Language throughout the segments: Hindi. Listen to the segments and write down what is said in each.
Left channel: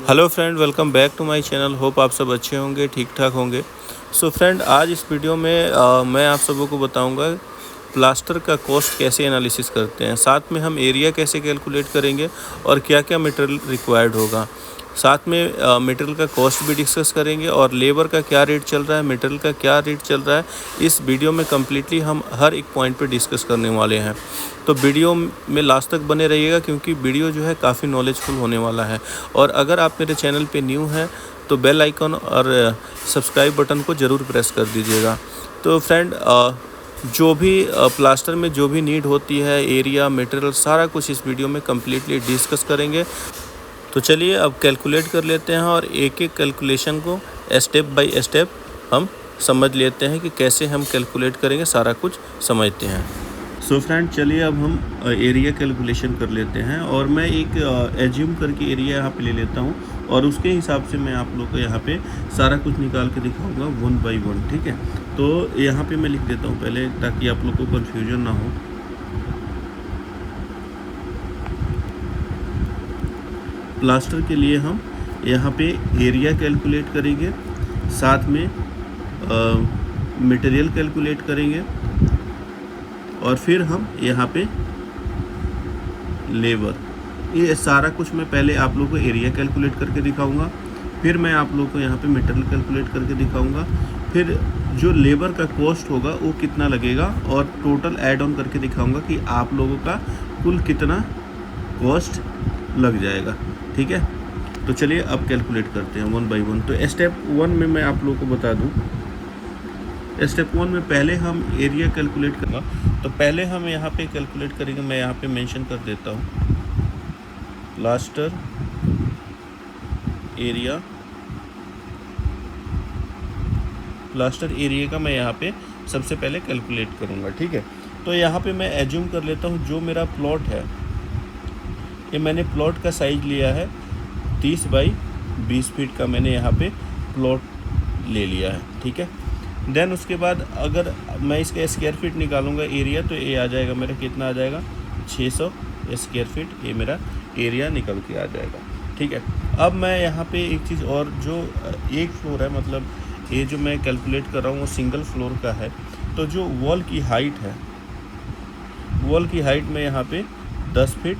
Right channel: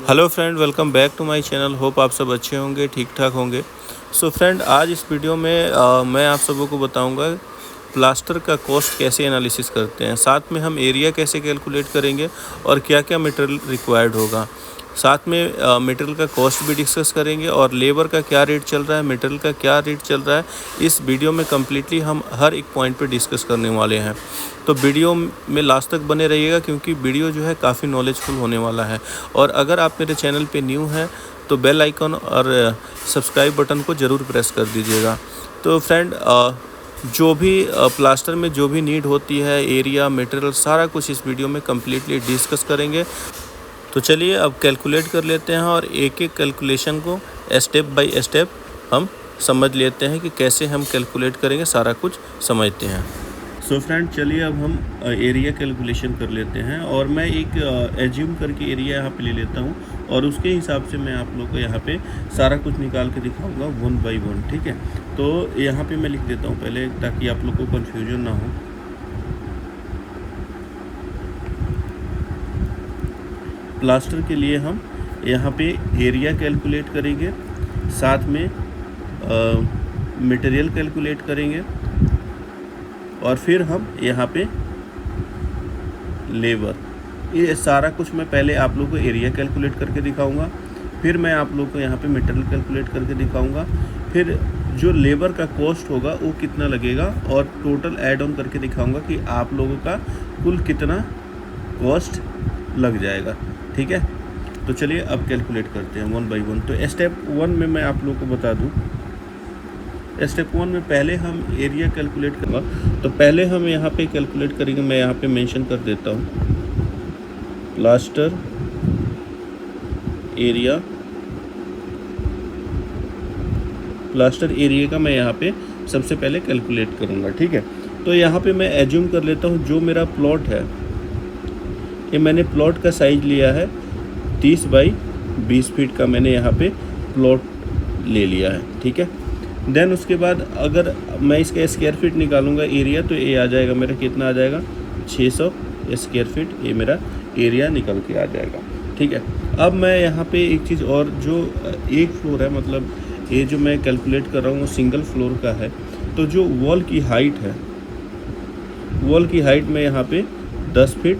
Hello friend, welcome back to my channel. Hope आप सब अच्छे होंगे, ठीक ठाक होंगे। सो फ्रेंड, आज इस वीडियो में मैं आप सबों को बताऊंगा प्लास्टर का कॉस्ट कैसे एनालिसिस करते हैं, साथ में हम एरिया कैसे कैलकुलेट करेंगे और क्या क्या मटेरियल रिक्वायर्ड होगा। साथ में मटेरियल का कॉस्ट भी डिस्कस करेंगे और लेबर का क्या रेट चल रहा है, मटेरियल का क्या रेट चल रहा है। इस वीडियो में कम्प्लीटली हम हर एक पॉइंट पे डिस्कस करने वाले हैं, तो वीडियो में लास्ट तक बने रहिएगा क्योंकि वीडियो जो है काफ़ी नॉलेजफुल होने वाला है। और अगर आप मेरे चैनल पे न्यू हैं तो बेल आइकन और सब्सक्राइब बटन को ज़रूर प्रेस कर दीजिएगा। तो फ्रेंड, जो भी प्लास्टर में जो भी नीड होती है, एरिया, मटेरियल, सारा कुछ इस वीडियो में कम्प्लीटली डिस्कस करेंगे। तो चलिए अब कैलकुलेट कर लेते हैं और एक एक कैलकुलेशन को स्टेप बाय स्टेप हम समझ लेते हैं कि कैसे हम कैलकुलेट करेंगे, सारा कुछ समझते हैं। सो फ्रेंड, चलिए अब हम एरिया कैलकुलेशन कर लेते हैं और मैं एक एज्यूम करके एरिया यहाँ पे ले लेता हूँ और उसके हिसाब से मैं आप लोग को यहाँ पे सारा कुछ निकाल के दिखाऊंगा वन बाय वन। ठीक है, तो यहाँ पे मैं लिख देता हूँ पहले ताकि आप लोग को कन्फ्यूजन ना हो। प्लास्टर के लिए हम यहाँ पे एरिया कैलकुलेट करेंगे, साथ में मटेरियल कैलकुलेट करेंगे और फिर हम यहाँ पे लेबर, ये सारा कुछ मैं पहले आप लोगों को एरिया कैलकुलेट करके दिखाऊंगा, फिर मैं आप लोगों को यहाँ पे मटेरियल कैलकुलेट करके दिखाऊंगा, फिर जो लेबर का कॉस्ट होगा वो कितना लगेगा और टोटल ऐड ऑन करके दिखाऊंगा कि आप लोगों का कुल कितना कॉस्ट लग जाएगा। ठीक है, तो चलिए अब कैलकुलेट करते हैं वन बाय वन। तो स्टेप वन में मैं आप लोगों को बता दूं, स्टेप वन में पहले हम एरिया कैलकुलेट करूँगा। तो पहले हम यहाँ पे कैलकुलेट करेंगे, मैं यहाँ पे मेंशन कर देता हूँ प्लास्टर एरिया। प्लास्टर एरिया का मैं यहाँ पे सबसे पहले कैलकुलेट करूँगा। ठीक है, तो यहाँ पे मैं एज्यूम कर लेता हूँ जो मेरा प्लॉट है, ये मैंने प्लॉट का साइज लिया है 30 बाई 20 फीट का मैंने यहाँ पे प्लॉट ले लिया है। ठीक है, देन उसके बाद अगर मैं इसका स्क्वायर फीट निकालूंगा एरिया, तो ये आ जाएगा मेरा, कितना आ जाएगा 600 स्क्वायर फीट, ये मेरा एरिया निकल के आ जाएगा। ठीक है, अब मैं यहाँ पे एक चीज़ और, जो एक फ्लोर है, मतलब ये जो मैं कैलकुलेट कर रहा हूँ वो सिंगल फ्लोर का है, तो जो वॉल की हाइट है, वॉल की हाइट मैं यहाँ पे 10 फीट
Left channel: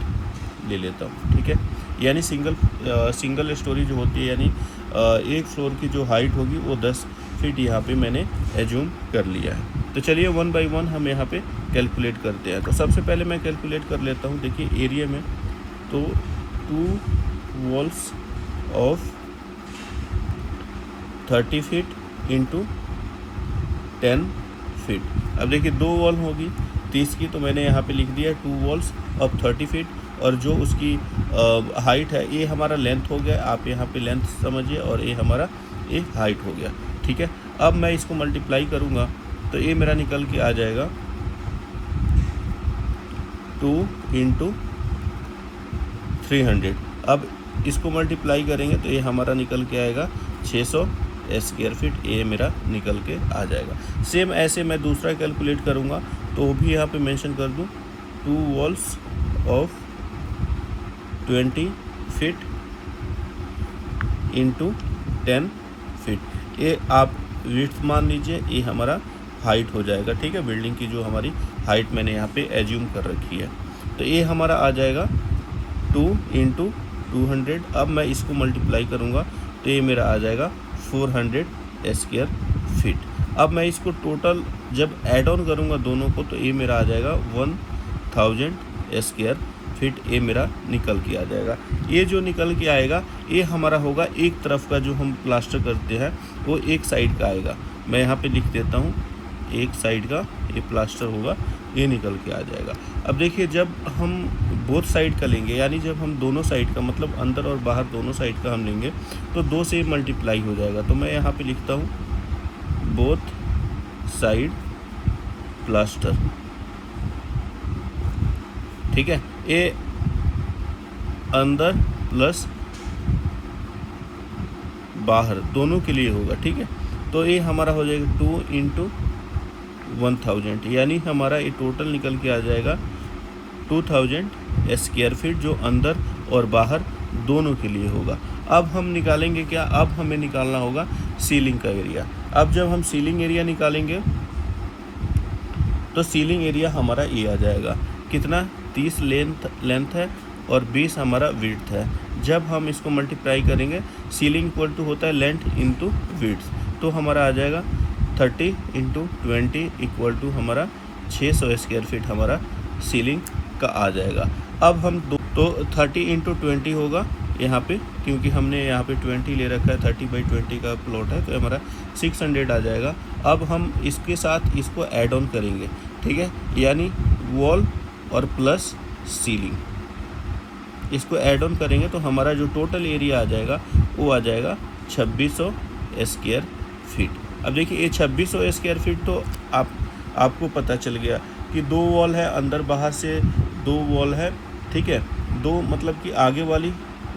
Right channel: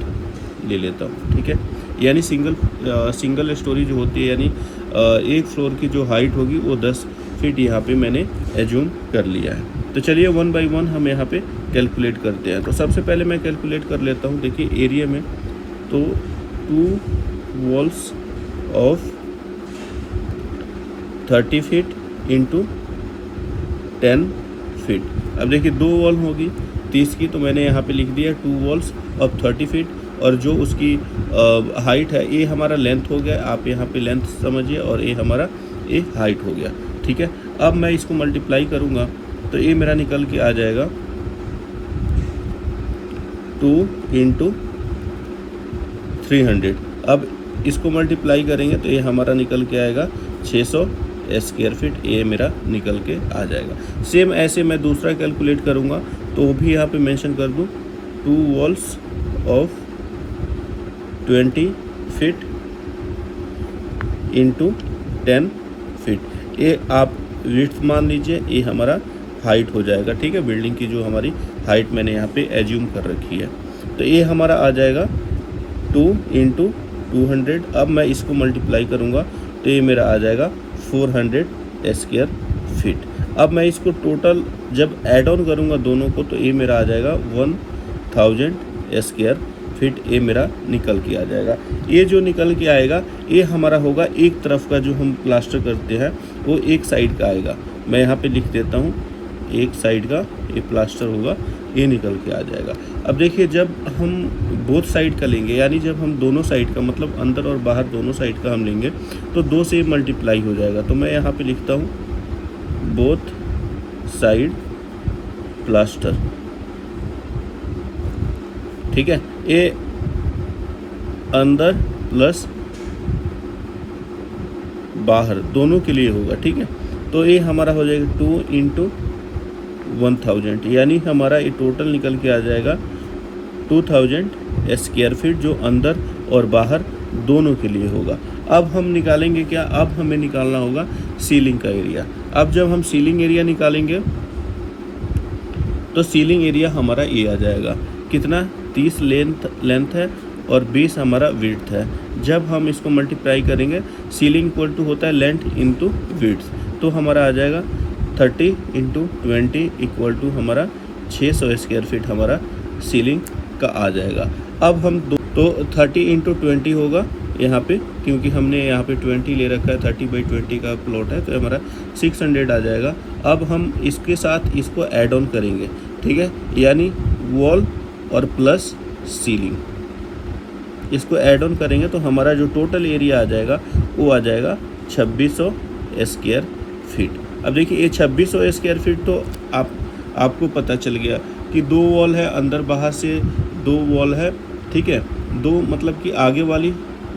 ले लेता हूँ। ठीक है, यानी सिंगल स्टोरी जो होती है, यानी एक फ्लोर की जो हाइट होगी वो 10 फीट यहाँ पे मैंने एज्यूम कर लिया है। तो चलिए वन बाय वन हम यहाँ पे कैलकुलेट करते हैं। तो सबसे पहले मैं कैलकुलेट कर लेता हूँ, देखिए एरिया में, तो 2 walls of 30 feet into 10 feet. अब देखिए 2 वॉल होगी 30 की, तो मैंने यहाँ पे लिख दिया 2 वॉल्स ऑफ 30 फीट, और जो उसकी हाइट है, ये हमारा लेंथ हो गया, आप यहाँ पे लेंथ समझिए, और ये हमारा ये हाइट हो गया। ठीक है, अब मैं इसको मल्टीप्लाई करूँगा तो ये मेरा निकल के आ जाएगा 2 इंटू 300। अब इसको मल्टीप्लाई करेंगे तो ये हमारा निकल के आएगा 600 स्क्वायर फीट, ये मेरा निकल के आ जाएगा। सेम ऐसे मैं दूसरा कैलकुलेट करूँगा तो वो भी यहाँ पे मेंशन कर दूँ, 2 walls of 20 feet into 10 feet, ये आप विड्थ मान लीजिए, ये हमारा हाइट हो जाएगा। ठीक है, बिल्डिंग की जो हमारी हाइट मैंने यहाँ पे एज्यूम कर रखी है, तो ये हमारा आ जाएगा 2 इंटू 200। अब मैं इसको मल्टीप्लाई करूँगा तो ये मेरा आ जाएगा 400 स्क्वायर फीट। अब मैं इसको टोटल जब ऐड ऑन करूँगा दोनों को, तो ये मेरा आ जाएगा 1000 स्क्वायर फीट, ये मेरा निकल के आ जाएगा। ये जो निकल के आएगा ये हमारा होगा एक तरफ का, जो हम प्लास्टर करते हैं वो एक साइड का आएगा। मैं यहाँ पे लिख देता हूँ एक साइड का ये प्लास्टर होगा, ये निकल के आ जाएगा। अब देखिए जब हम बोथ साइड का लेंगे, यानी जब हम दोनों साइड का, मतलब अंदर और बाहर दोनों साइड का हम लेंगे, तो 2 से मल्टीप्लाई हो जाएगा। तो मैं यहाँ पे लिखता हूँ बोथ साइड प्लास्टर। ठीक है, ये अंदर प्लस बाहर दोनों के लिए होगा। ठीक है, तो ये हमारा हो जाएगा 2 इंटू 1000, यानी हमारा ये टोटल निकल के आ जाएगा 2000 स्क्वायर फीट, जो अंदर और बाहर दोनों के लिए होगा। अब हम निकालेंगे क्या, अब हमें निकालना होगा सीलिंग का एरिया। अब जब हम सीलिंग एरिया निकालेंगे तो सीलिंग एरिया हमारा ये आ जाएगा कितना, 30 लेंथ है और 20 हमारा विड्थ है। जब हम इसको मल्टीप्लाई करेंगे, सीलिंग इक्वल टू होता है लेंथ इंटू विड्थ, तो हमारा आ जाएगा 30 इंटू 20 इक्वल टू हमारा 600 स्क्वायर फीट हमारा सीलिंग का आ जाएगा। अब हम तो 30 इंटू 20 होगा यहाँ पे, क्योंकि हमने यहाँ पे 20 ले रखा है, 30/20 का प्लॉट है, तो हमारा 600 आ जाएगा। अब हम इसके साथ इसको ऐड ऑन करेंगे, ठीक है, यानी वॉल और प्लस सीलिंग, इसको ऐड ऑन करेंगे तो हमारा जो टोटल एरिया आ जाएगा वो आ जाएगा 2600 स्क्वायर फीट। अब देखिए ये 2600 स्क्वायर फीट तो आपको पता चल गया कि 2 वॉल है, अंदर बाहर से 2 वॉल है, ठीक है, 2 मतलब कि आगे वाली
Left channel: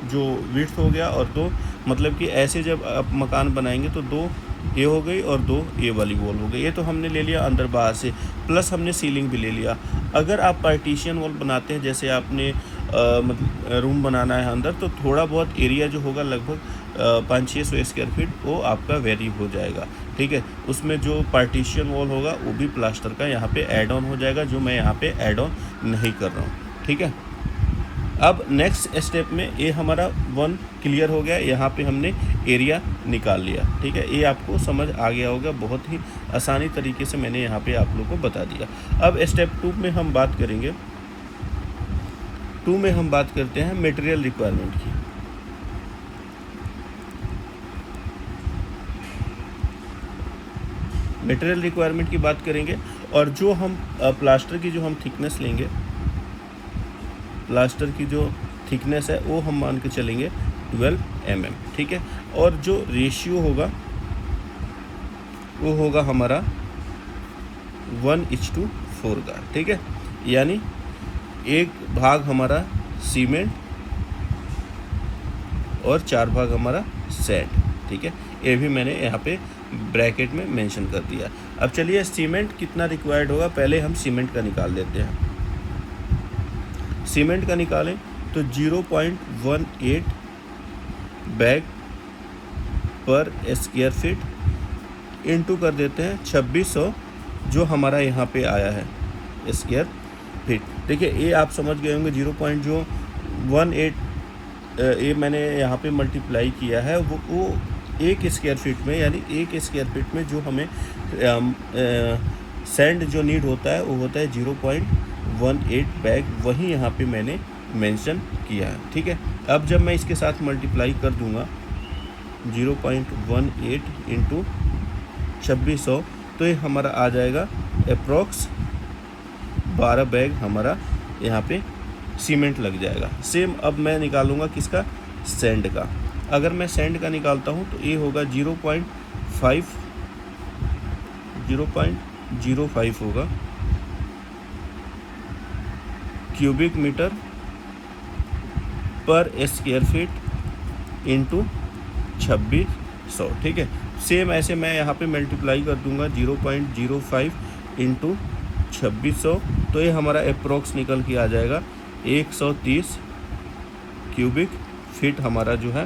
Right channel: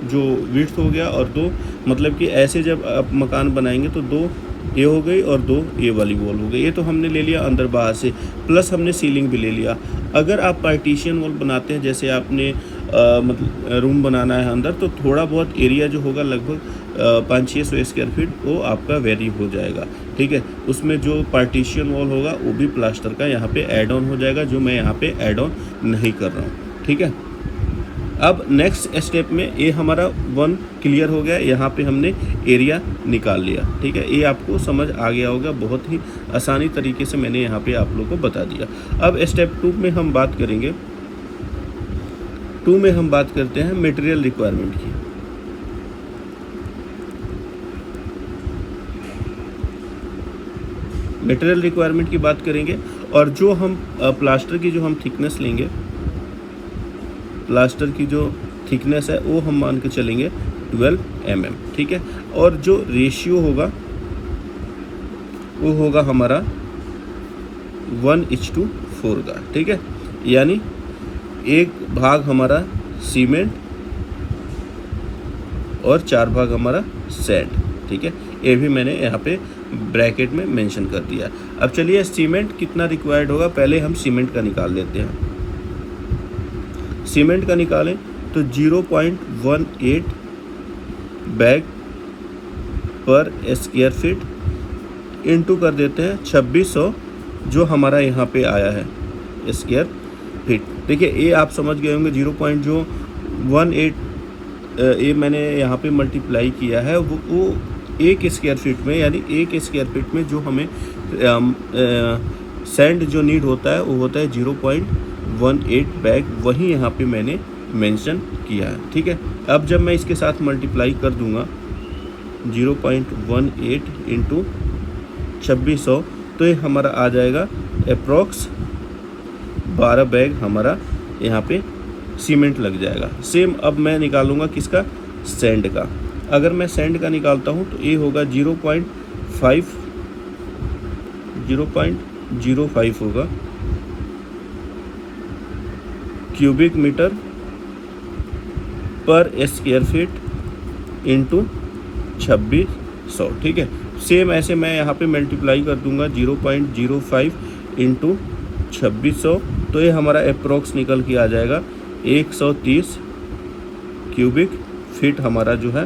जो विड्थ हो गया और 2 मतलब कि ऐसे जब आप मकान बनाएंगे तो 2 ये हो गई और 2 ये वाली वॉल हो गई। ये तो हमने ले लिया अंदर बाहर से, प्लस हमने सीलिंग भी ले लिया। अगर आप पार्टीशन वॉल बनाते हैं, जैसे आपने मतलब रूम बनाना है अंदर, तो थोड़ा बहुत एरिया जो होगा लगभग 500-600 स्क्वायर फीट वो आपका वेरी हो जाएगा, ठीक है। उसमें जो पार्टीशन वॉल होगा वो भी प्लास्टर का यहाँ पे ऐड ऑन हो जाएगा, जो मैं यहाँ पे ऐड ऑन नहीं कर रहा हूँ, ठीक है। अब नेक्स्ट स्टेप में ये हमारा 1 क्लियर हो गया, यहाँ पे हमने एरिया निकाल लिया, ठीक है। ये आपको समझ आ गया होगा, बहुत ही आसानी तरीके से मैंने यहाँ पे आप लोगों को बता दिया। अब स्टेप 2 में हम बात करेंगे, 2 में हम बात करते हैं मटेरियल रिक्वायरमेंट की। मटेरियल रिक्वायरमेंट की बात करेंगे और जो हम प्लास्टर की जो हम थिकनेस लेंगे, प्लास्टर की जो थिकनेस है वो हम मान के चलेंगे 12 mm, ठीक है। और जो रेशियो होगा वो होगा हमारा 1:4 का, ठीक है, यानी 1 भाग हमारा सीमेंट और 4 भाग हमारा सैंड, ठीक है। ये भी मैंने यहाँ पे ब्रैकेट में मेंशन कर दिया। अब चलिए सीमेंट कितना रिक्वायर्ड होगा, पहले हम सीमेंट का निकाल लेते हैं। सीमेंट का निकालें तो 0.18 बैग पर स्क्वायर फीट इंटू कर देते हैं 2600 जो हमारा यहाँ पे आया है स्क्वायर फीट। देखिए ये आप समझ गए होंगे 0.18 ये मैंने यहाँ पे मल्टीप्लाई किया है, वो 1 स्क्वायर फीट में, यानी 1 स्क्वायर फीट में जो हमें सैंड जो नीड होता है वो होता है 0.18 बैग, वही यहाँ पे मैंने मेंशन किया है, ठीक है। अब जब मैं इसके साथ मल्टीप्लाई कर दूंगा 0.18 इंटू 2600 तो ये हमारा आ जाएगा अप्रॉक्स 12 बैग हमारा यहाँ पे सीमेंट लग जाएगा। सेम अब मैं निकालूंगा किसका, सैंड का। अगर मैं सैंड का निकालता हूँ तो ये होगा 0.05 होगा क्यूबिक मीटर पर स्क्वायर फीट इंटू 2600, ठीक है। सेम ऐसे मैं यहाँ पे मल्टीप्लाई कर दूंगा 0.05 इंटू 2600 तो ये हमारा अप्रोक्स निकल के आ जाएगा 130 क्यूबिक फीट हमारा जो है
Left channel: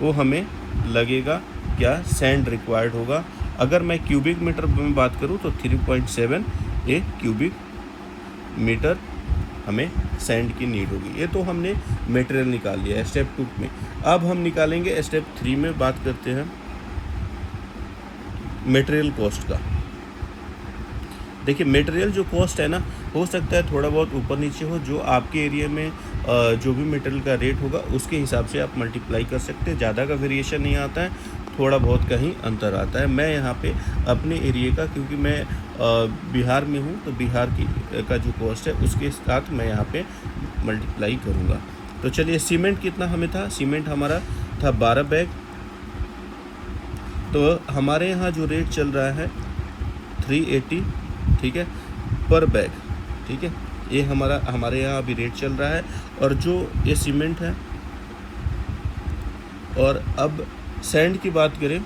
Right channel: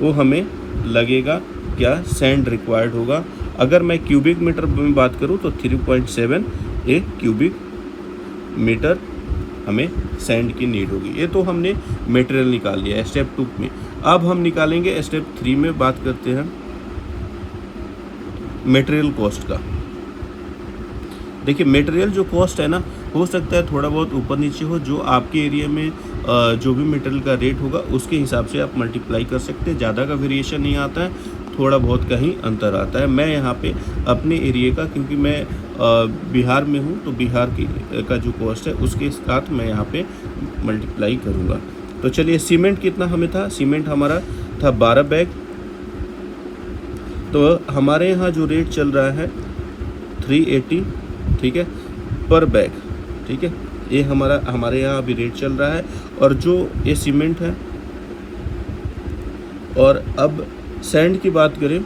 वो हमें लगेगा क्या, सैंड रिक्वायर्ड होगा। अगर मैं क्यूबिक मीटर में बात करूँ तो 3.7 ए क्यूबिक मीटर हमें सैंड की नीड होगी। ये तो हमने मटेरियल निकाल लिया है स्टेप 2 में। अब हम निकालेंगे स्टेप 3 में, बात करते हैं मटेरियल कॉस्ट का। देखिए मटेरियल जो कॉस्ट है ना, हो सकता है थोड़ा बहुत ऊपर नीचे हो, जो आपके एरिया में जो भी मटेरियल का रेट होगा उसके हिसाब से आप मल्टीप्लाई कर सकते हैं। ज़्यादा का वेरिएशन नहीं आता है, थोड़ा बहुत का ही अंतर आता है। मैं यहाँ पे अपने एरिया का, क्योंकि मैं बिहार में हूँ तो बिहार की का जो कॉस्ट है उसके साथ मैं यहाँ पे मल्टीप्लाई करूँगा। तो चलिए सीमेंट कितना हमें था, सीमेंट हमारा था 12 बैग। तो हमारे यहाँ जो रेट चल रहा है 380, ठीक है, पर बैग, ठीक है, ये हमारे यहाँ अभी रेट चल रहा है। और जो ये सीमेंट है, और अब सैंड की बात करें,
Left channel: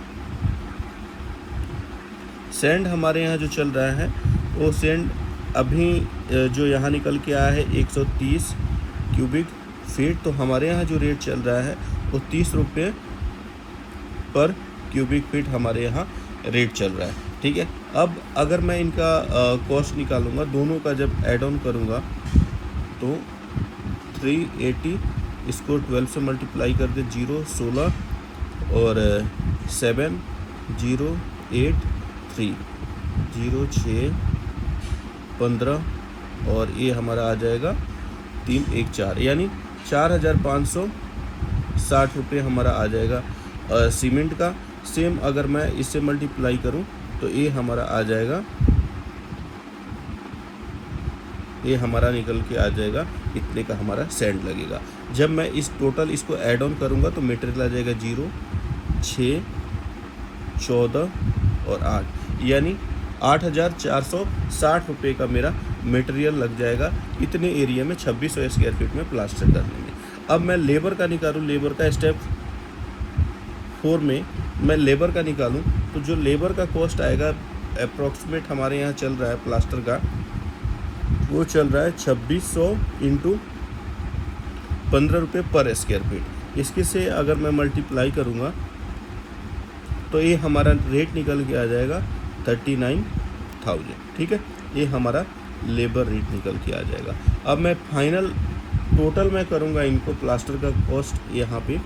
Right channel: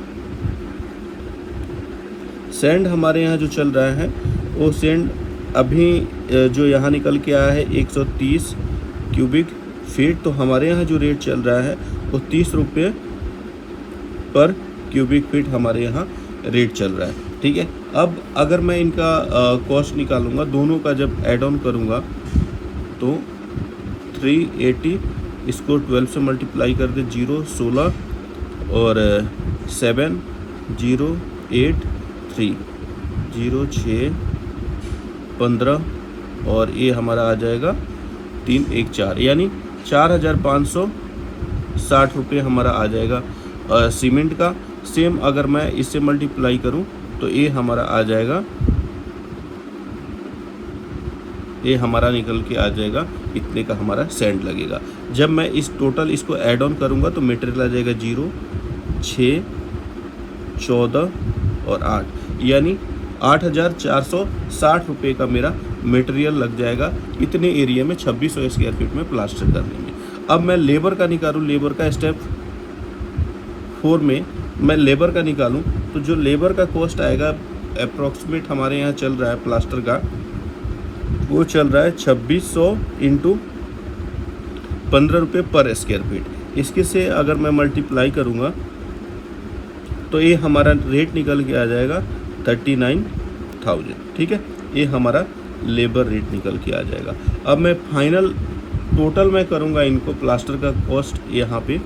सैंड हमारे यहाँ जो चल रहा है वो सैंड अभी जो यहाँ निकल के आया है 130 क्यूबिक फीट। तो हमारे यहाँ जो रेट चल रहा है वो 30 रुपये पर क्यूबिक फीट हमारे यहाँ रेट चल रहा है, ठीक है। अब अगर मैं इनका कॉस्ट निकालूंगा, दोनों का जब ऐड ऑन करूँगा तो 380 इसको 12 से मल्टीप्लाई कर दे, 0 16 और 7 0 8 3 0 6 15 और ये हमारा आ जाएगा 3 1 4, यानी 4560 रुपये हमारा आ जाएगा सीमेंट का। सेम अगर मैं इससे मल्टीप्लाई करूं तो ये हमारा आ जाएगा, ये हमारा निकल के आ जाएगा इतने का हमारा सैंड लगेगा। जब मैं इस टोटल इसको ऐड ऑन करूंगा तो मटेरियल आ जाएगा 0 6 14 और 8, यानी 8460 रुपये का मेरा मटेरियल लग जाएगा। इतने एरिया में 2600 स्क्वायर फीट में प्लास्टर कर लेंगे। अब मैं लेबर का निकालूँ, लेबर का स्टेप 4 में मैं लेबर का निकालूं तो जो लेबर का कॉस्ट आएगा अप्रॉक्सीमेट हमारे यहाँ चल रहा है प्लास्टर का, वो चल रहा है 2600 इंटू 15 रुपये पर स्क्वायर फीट। इसके से अगर मैं मल्टीप्लाई करूँगा तो ये हमारा रेट निकल के आ जाएगा 39,000, ठीक है। ये हमारा लेबर रेट निकल के आ जाएगा। अब मैं फाइनल टोटल में करूँगा इनको, प्लास्टर का कॉस्ट यहाँ पे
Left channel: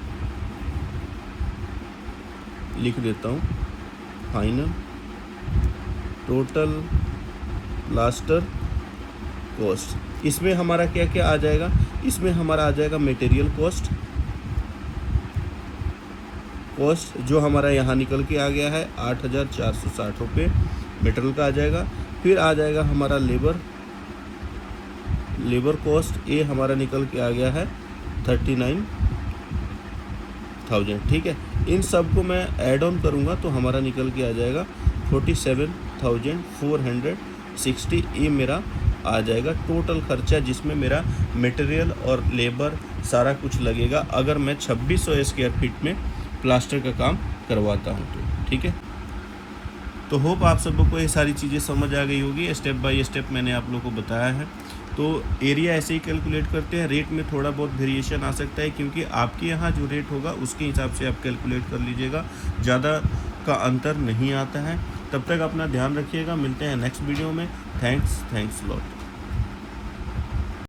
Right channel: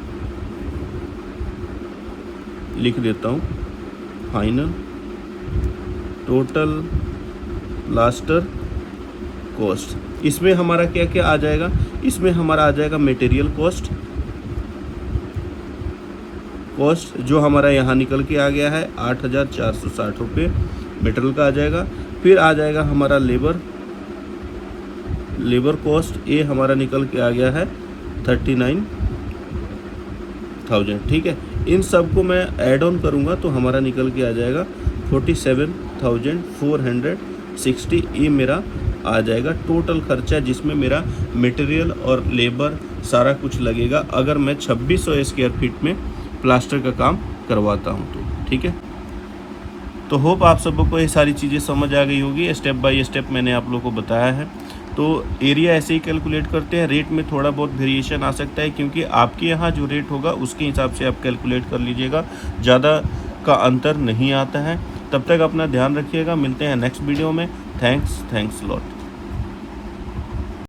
लिख देता हूँ, फाइनल टोटल प्लास्टर कॉस्ट। इसमें हमारा क्या क्या आ जाएगा, इसमें हमारा आ जाएगा मटेरियल कॉस्ट जो हमारा यहाँ निकल के आ गया है 8460 रुपये मटेरियल का आ जाएगा। फिर आ जाएगा हमारा लेबर कॉस्ट, ये हमारा निकल के आ गया है 39,000, ठीक है। इन सब को मैं ऐड ऑन करूँगा तो हमारा निकल के आ जाएगा 47,460। ये मेरा आ जाएगा टोटल खर्चा, जिसमें मेरा मटेरियल और लेबर सारा कुछ लगेगा अगर मैं 2600 स्क्वायर फीट में प्लास्टर का काम करवाता हूँ तो, ठीक है। तो होप आप सबको ये सारी चीज़ें समझ आ गई होगी। स्टेप बाय स्टेप मैंने आप लोगों को बताया है। तो एरिया ऐसे ही कैलकुलेट करते हैं। रेट में थोड़ा बहुत वेरिएशन आ सकता है क्योंकि आपके यहाँ जो रेट होगा उसके हिसाब से आप कैलकुलेट कर लीजिएगा, ज़्यादा का अंतर नहीं आता है। तब तक अपना ध्यान रखिएगा, मिलते हैं नेक्स्ट वीडियो में। Thanks lot.